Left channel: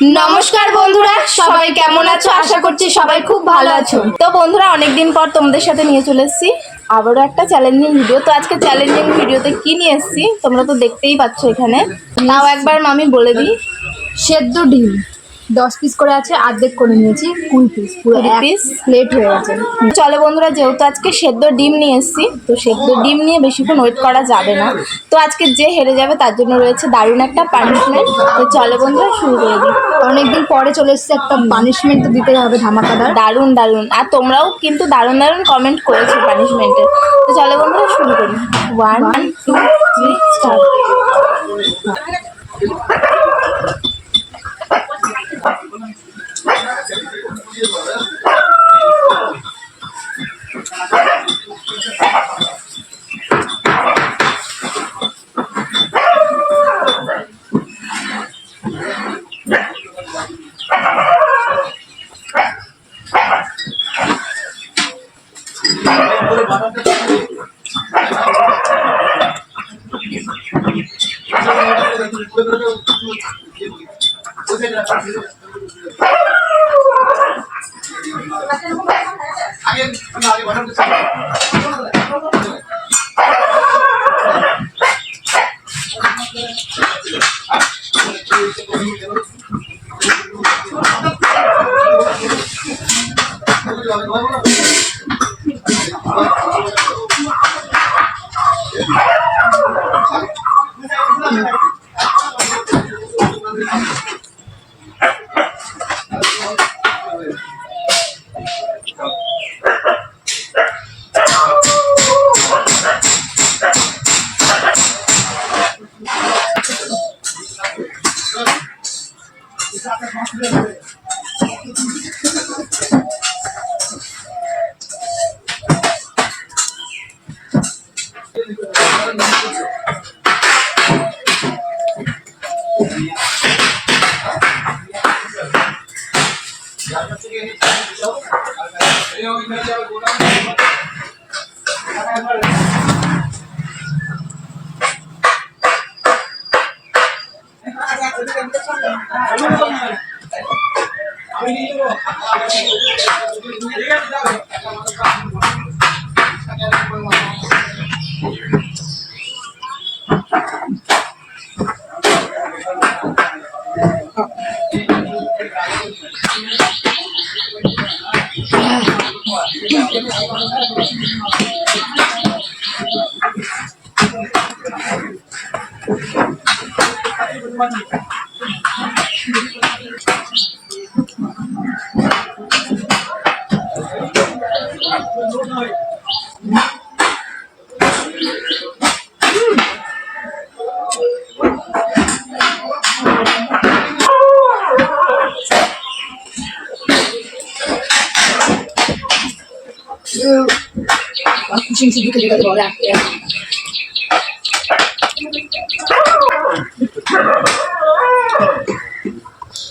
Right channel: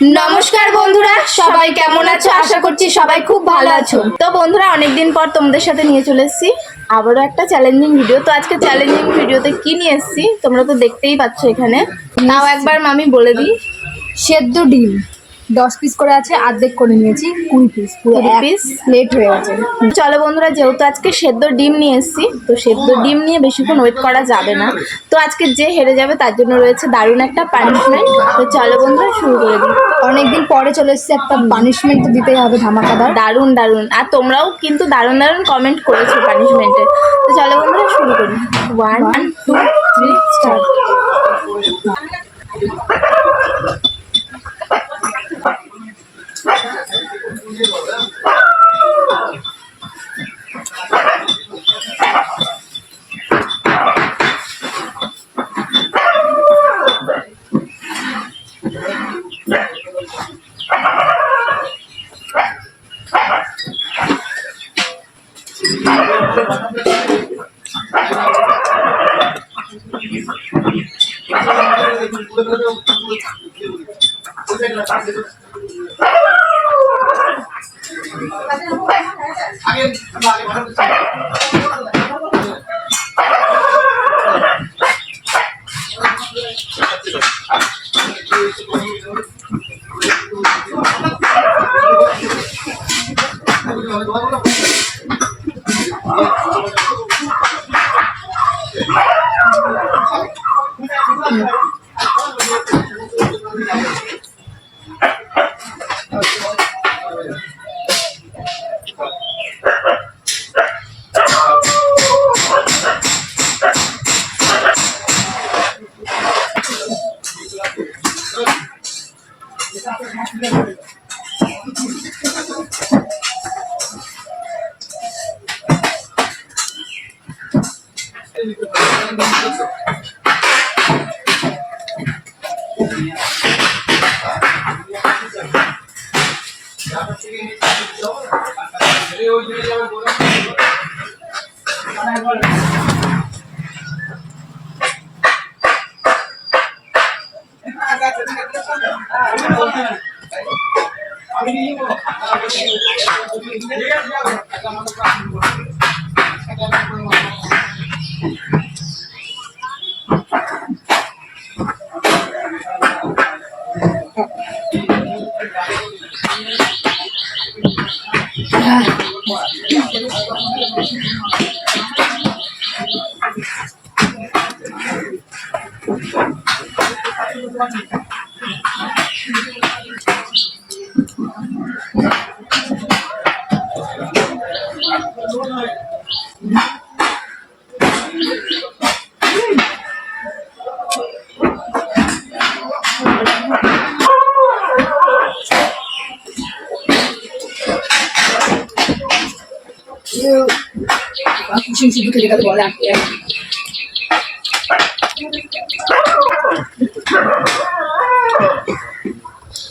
নমস্কার বন্ধুরা, সবাই কেমন আছো? আশা করছি সবাই খুব ভালো আছো। তো বন্ধুরা, অনেকদিন পর তোমাদের সাথে নিয়ে চলে এসেছি আবারও একটা চ্যালেঞ্জিং ভিডিও। তো আজকে চ্যালেঞ্জিং ভিডিওতে কি নিয়ে এসেছি তোমরা তো দেখতেই পাচ্ছ। এখানে তাও একবার আমি বলে দিই, সেদ্ধ ডিম 10 পিস করে আছে, অর্ধেক করে নিয়েছি 20 পিস, পুরো 20 এক পিস প্লেট হয়ে গেছে। চলো বন্ধুরা, যেহেতু আজকে সেদ্ধ ডিম নিয়ে এসেছি, তো সেদ্ধ ডিম নিয়ে বেশিক্ষণ ওয়েট করা যাবে না। তো আজকে যে হেরে যাবে তার জন্য রয়েছে দারুণ একটা পানিশমেন্ট। তো চলো বন্ধুরা, শুরু করে দিই। অনেকদিন পরে চলে এসেছে, একটা পানিশমেন্ট তো দিতেই হবে, ধামাকাদার। দারুণ দারুণ, আর তোমরাও কিন্তু দারুণ দারুণ কমেন্ট করেছো পানিশমেন্টে। তো চলো বন্ধুরা, শুরু করি। 1 2 3 স্টার্ট।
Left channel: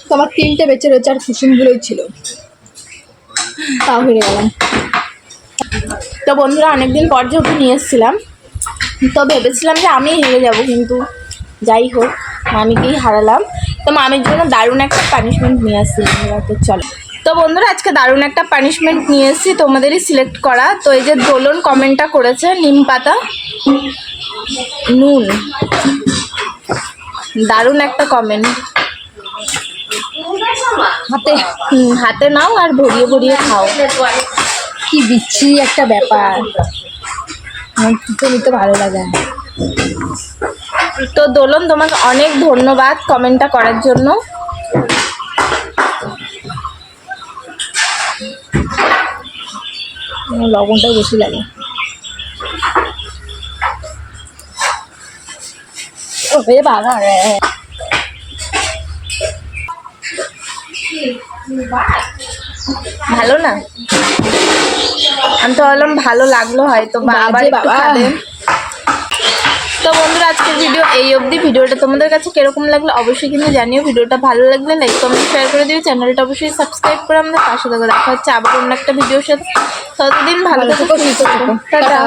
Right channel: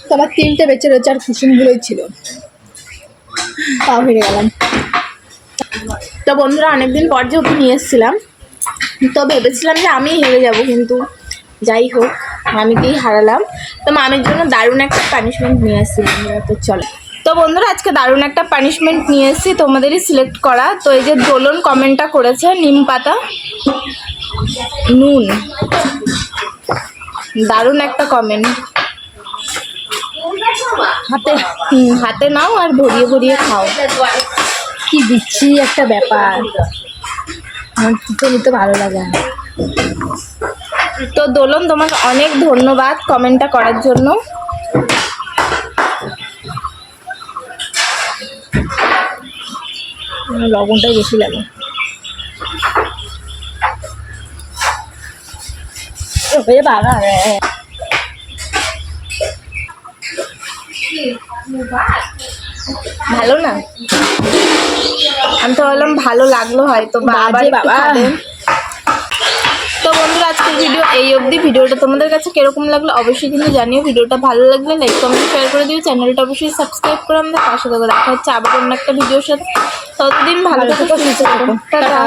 তো আমার 3টে বেঁচে রয়েছে, আর কুসুমগুলোই ছিল, তাও হেরে গেলাম। তো বন্ধুরা, অনেকদিন পর যেহেতু নিয়ে এসেছিলাম, তো ভেবেছিলাম যে আমি হেরে যাব, কিন্তু যাই হোক মামিকেই হারালাম। তো মামির জন্য দারুণ একটা পানিশমেন্ট নিয়ে আসছি বন্ধুরা। তো চলো, তো বন্ধুরা আজকে দারুণ একটা পানিশমেন্ট নিয়ে এসেছি, তোমাদেরই সিলেক্ট করা। তো এই যে দোলন কমেন্টটা করেছে, নিম পাতা নুন, দারুণ একটা কমেন্ট। হাতে নাও আর ভরিয়ে ভরিয়ে খাও। কি বিচ্ছিরি একটা ব্যাপার, আমার খেতে নিতে ভালো লাগে না। তো দোলন, তোমাকে অনেক ধন্যবাদ কমেন্টটা করার জন্য। লবণটাই বেশি লাগে। বাবা রে, ভালো না? আমি তো ভাবলাম ভালো লাগলো হয়তো, বাবা বাবা। তো বন্ধুরা, আজকের ভিডিও এই অবধি। ভিডিওটা তোমাদের কাছে কিরকম লাগলো অবশ্যই কিন্তু জানিও। ভিডিওটা ভালো লাগলে লাইক কমেন্ট শেয়ার করে দিও, চ্যানেলটা অবশ্যই সাবস্ক্রাইব করে আমাদের পাশে থাকো। দেখা হচ্ছে আবার অন্য একটা ভিডিওর সাথে। ততদিন ভালো থেকো, সুস্থ থেকো, টাটা।